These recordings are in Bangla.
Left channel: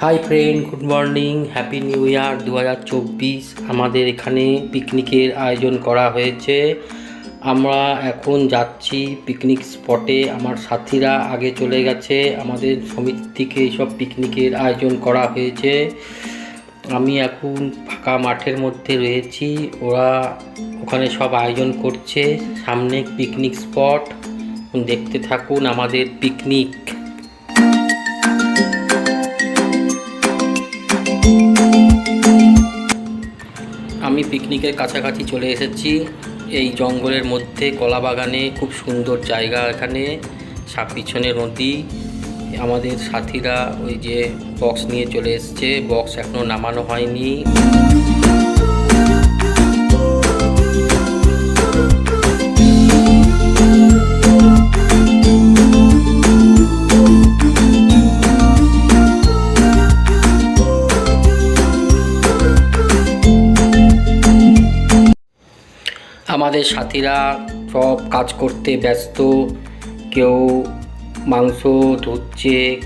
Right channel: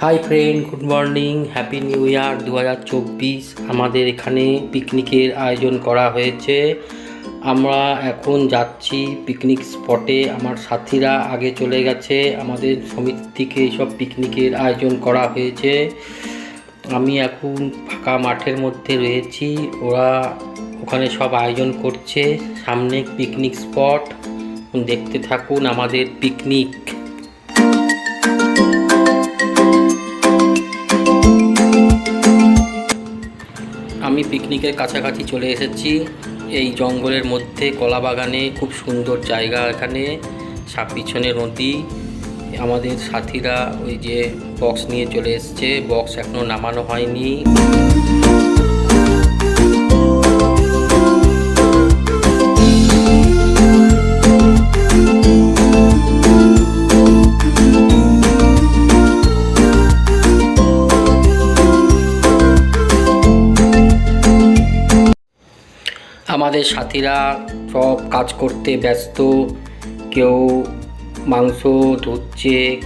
Hi friend good morning happy new year দু হাজার চব্বিশ। আমাদের এখানে পিকনিকের আয়োজন করা হয়েছে। আমরা এখন যাচ্ছি পিকনিক স্পটে আমার সাথীরা আগে চলে গেছে। আমাদের সমিতি থেকে এইসব পিকনিকের আয়োজন করা হয়েছে। আমি এখন ফাঁকা মাঠের মধ্যে রয়েছি। ওরা ওখানে সব আয়োজন করছে। সামনে পিকনিক স্পট দেখতে থাকুন আমাদের পিকনিক আমি পিকনিকের কাছাকাছি চলে এসেছি। এই জঙ্গলের মধ্যে, কলা বাগানে, খুব সুন্দর জায়গা এখানে পিছনে নদী। আমাদের সাথীরা ওই যে বক্স নিয়ে চলে এসছে। বক্স এখনও নামানো হয়নি। আমাদের সাথীরা সব কাজ করতে ব্যস্ত। কেউ মাংস ধুচ্ছে,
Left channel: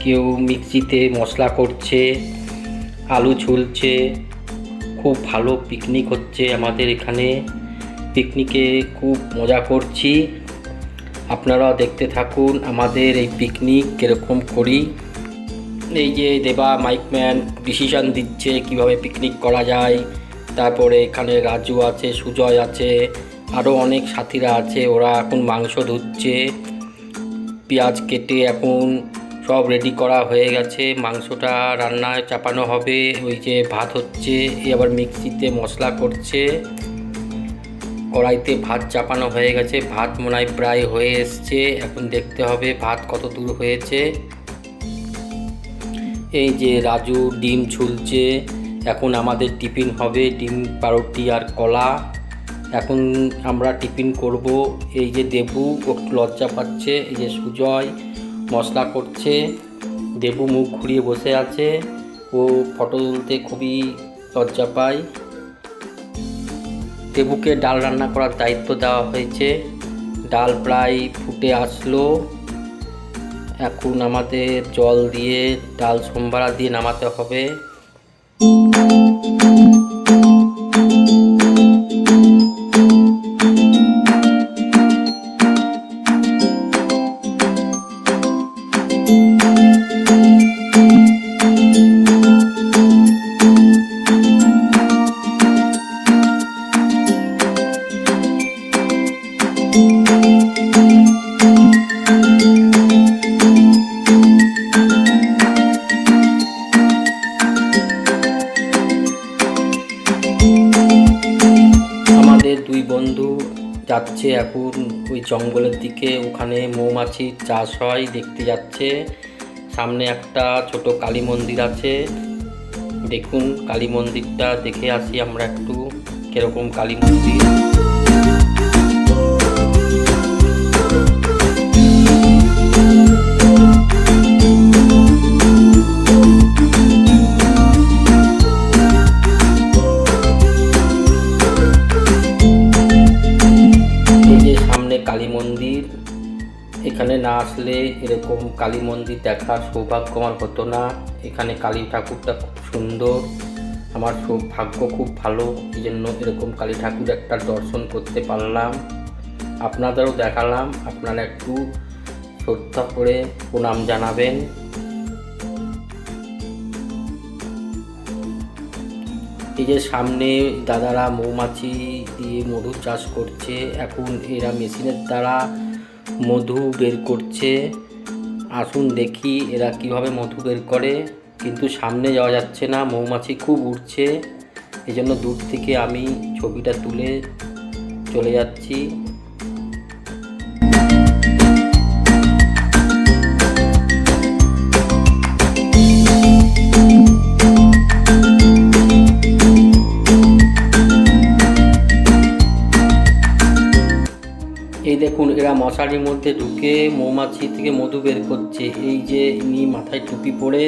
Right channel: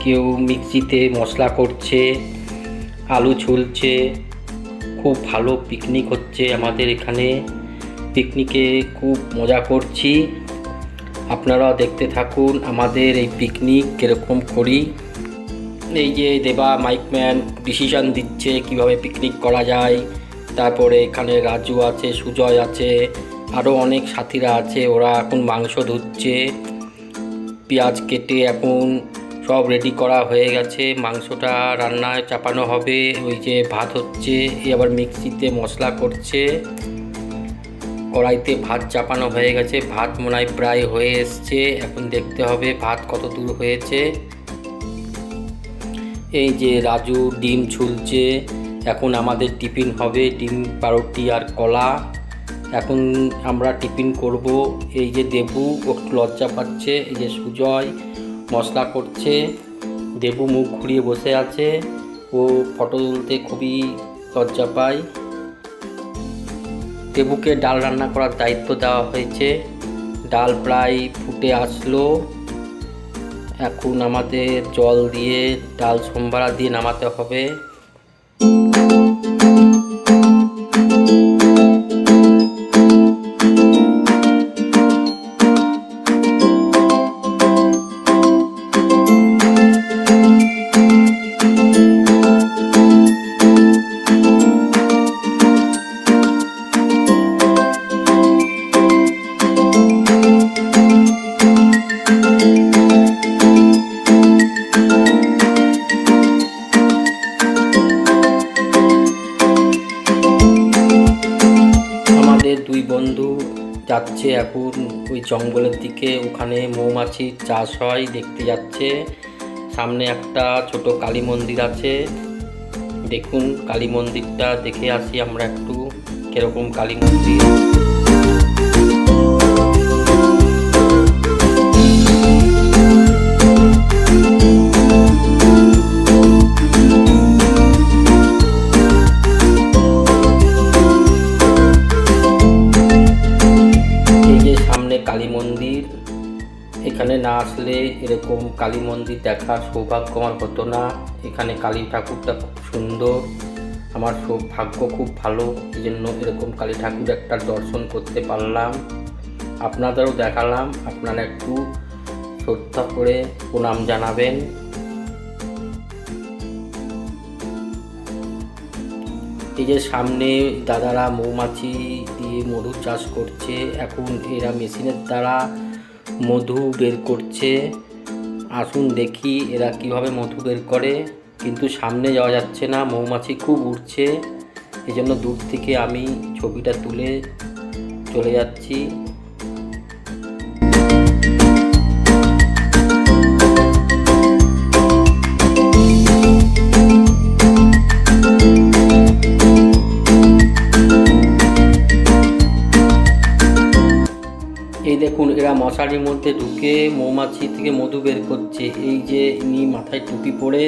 কেউ মিক্সিতে মশলা করছে, আলু ছুলছে। খুব ভালো পিকনিক হচ্ছে আমাদের এখানে। পিকনিকে খুব মজা করছি। আপনারা দেখতে থাকুন আমাদের এই পিকনিক কীরকম করি। এই যে দেবা মাইকম্যান ডিসিশন দিচ্ছে কীভাবে পিকনিক করা যায়। তারপরে এখানে রাজু আছে, সুজয় আছে আরও অনেক সাথীরা আছে, ওরা এখন মাংস ধুচ্ছে, পেঁয়াজ কেটে এখন সব রেডি করা হয়ে গেছে, মাংসটা রান্নায় চাপানো হবে, ওই যে ভাত হচ্ছে, এ আবার মিক্সিতে মশলা করছে, কড়াইতে ভাত চাপানো হয়ে গেছে, ভাত মনে হয় প্রায় হয়ে এসছে, এখন দেখতে হবে ভাত কত দূর হয়েছে। এই যে রাজু ডিম ছুলছে এখন আমাদের টিফিন হবে ডিম পাউরুটি আর কলা। এখন আমরা টিফিন করব। এই যে দেবু একটু লজ্জা পাচ্ছে। এই যে সুজয় মশলা করছে। দেবু মুখ ঘুরিয়ে বসে আছে। ও ফটো তুলতে খুবই লজ্জা পায়। দেবুকে ডাল রান্না করার দায়িত্ব দেওয়া হয়েছে। ডাল প্রায় ফুটে আসলো। এখন আমাদের জল দিয়ে ডাল সোমবারা দিয়ে নামাতে হবে। দুই বন্ধু যাচ্ছে এখন ওই জঙ্গলের দিকে। ওখানে মৌমাছির চাষ হয়, দেখতে যাচ্ছে। সামনে একটা ছোট কালী মন্দির আছে। দেখুন কালী মন্দিরটা, দেখে আসি আমরা একটু, কীরকম কালী মন্দির। না আসলে এরকম কালী মন্দির দেখার সৌভাগ্য আমার হতো না। এখানে কালী ঠাকুরটা খুব সুন্দর। আমার সৌভাগ্য খুব ভালো। এই জন্য এরকম কালী ঠাকুর একটা দর্শন করতে পারলাম। আপনাদেরও দেখালাম। আপনারা একটু শ্রদ্ধা করে প্রণাম জানাবেন। এই যে সামনে দাদারা মৌমাছি দিয়ে মধু চাষ করছে। এখন এরা মেশিনের দ্বারা মধু বের করছে। আসুন দেখি এরা কীভাবে মধু বের করে। কিন্তু সামনে যাওয়া যাচ্ছে না, মৌমাছি খুব উঠছে এই জন্য দূর থেকে আমি ছবিটা তুলে চলে যাচ্ছি। দেখুন, এরা মশারির মধ্যে ঢুকে মৌমাছি থেকে মধু বের করছে। এই যে ইনি মাথায় টুপি পরে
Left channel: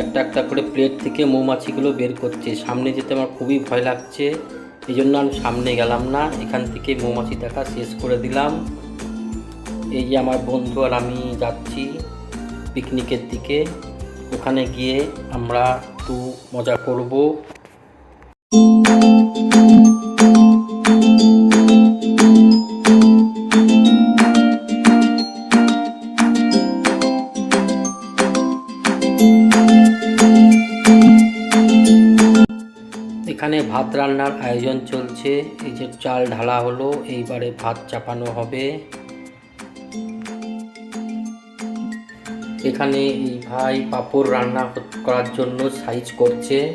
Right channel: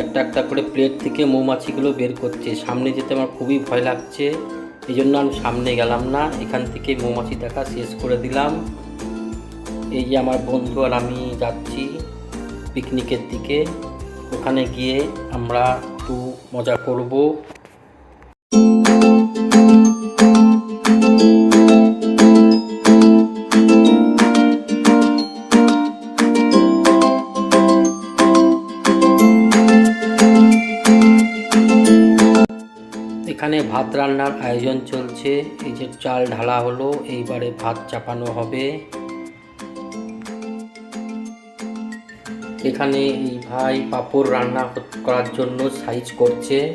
একটা একটা করে প্লেট থেকে মৌমাছিগুলো বের করছে। সামনে যেতে আমার খুবই ভয় লাগছে। এই জন্য আমি সামনে গেলাম না। এখান থেকে মৌমাছি দেখা শেষ করে দিলাম। এই যে আমার বন্ধু আর আমি যাচ্ছি পিকনিকের দিকে। ওখানে গিয়ে আমরা একটু মজা করব। এখানে ভাত রান্নার আয়োজন চলছে। এই যে চাল ঢালা হলো, এইবারে ভাত চাপানো হবে। এখানে এই ভাই পাপড় রান্না করার জন্য সাইজ করছে।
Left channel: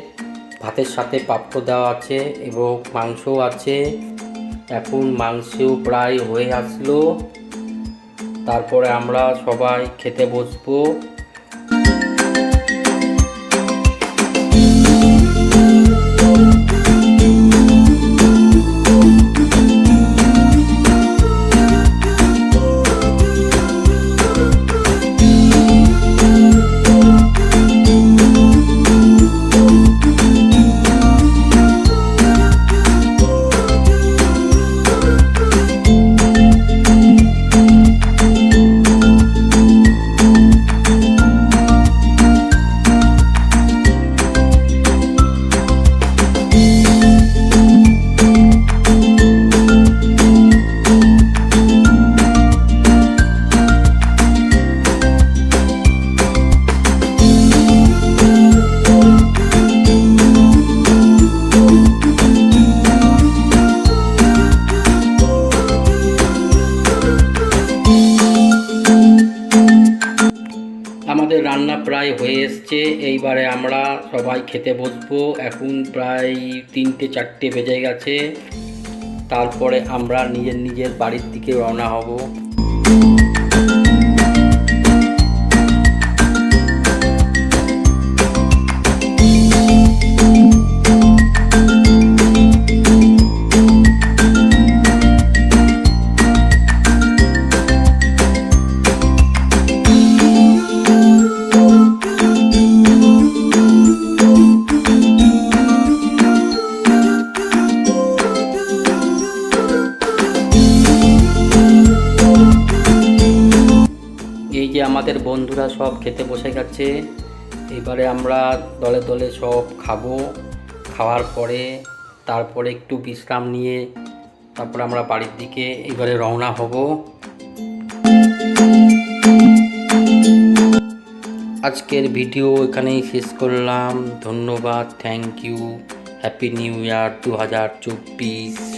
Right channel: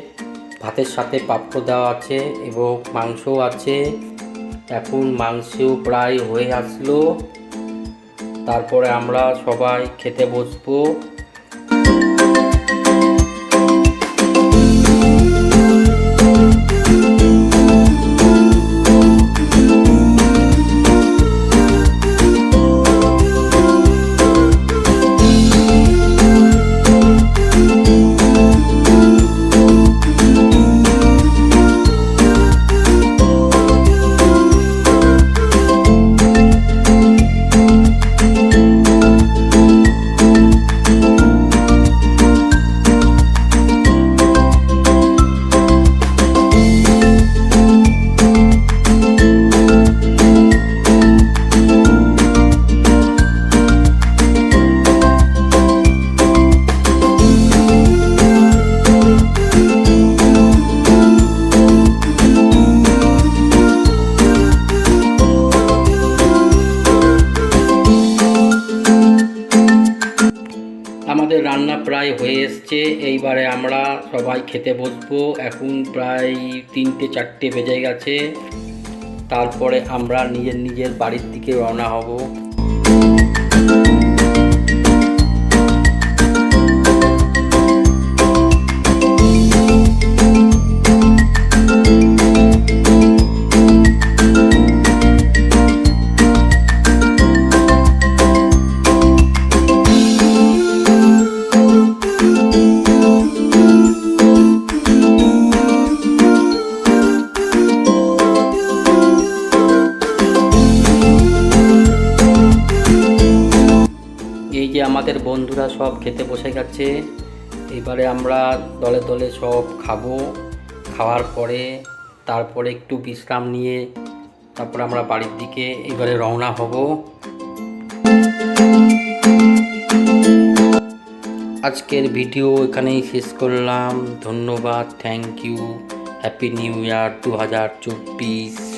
ভাতের সাথে পাঁপড় দেওয়া আছে এবং মাংসও আছে। এখন মাংসও প্রায় হয়ে আসলো। তারপরে আমরা সবাই খেতে বসবো। প্রায় হয়ে এসছে। এইবারে আমরা সবাই খেতে বসবো। এখন প্রায় তিনটে, চারটে বেজে গেছে। তারপরে আমরা নিজের নিজের বাড়ির দিকে রওনা হব। আমাদের বন্ধুরা সব খেতে বসে গেছে। এবারে আমরা দলে দলে সব খাব। খাওয়ার পরে তারপরে একটু বিশ্রাম নিয়ে তারপরে আমরা বাড়ির দিকে এবারে রওনা হব। আজকের ভিডিও এখানেই শেষ করলাম। ধন্যবাদ। Thank you. Happy new year দু হাজার চব্বিশ।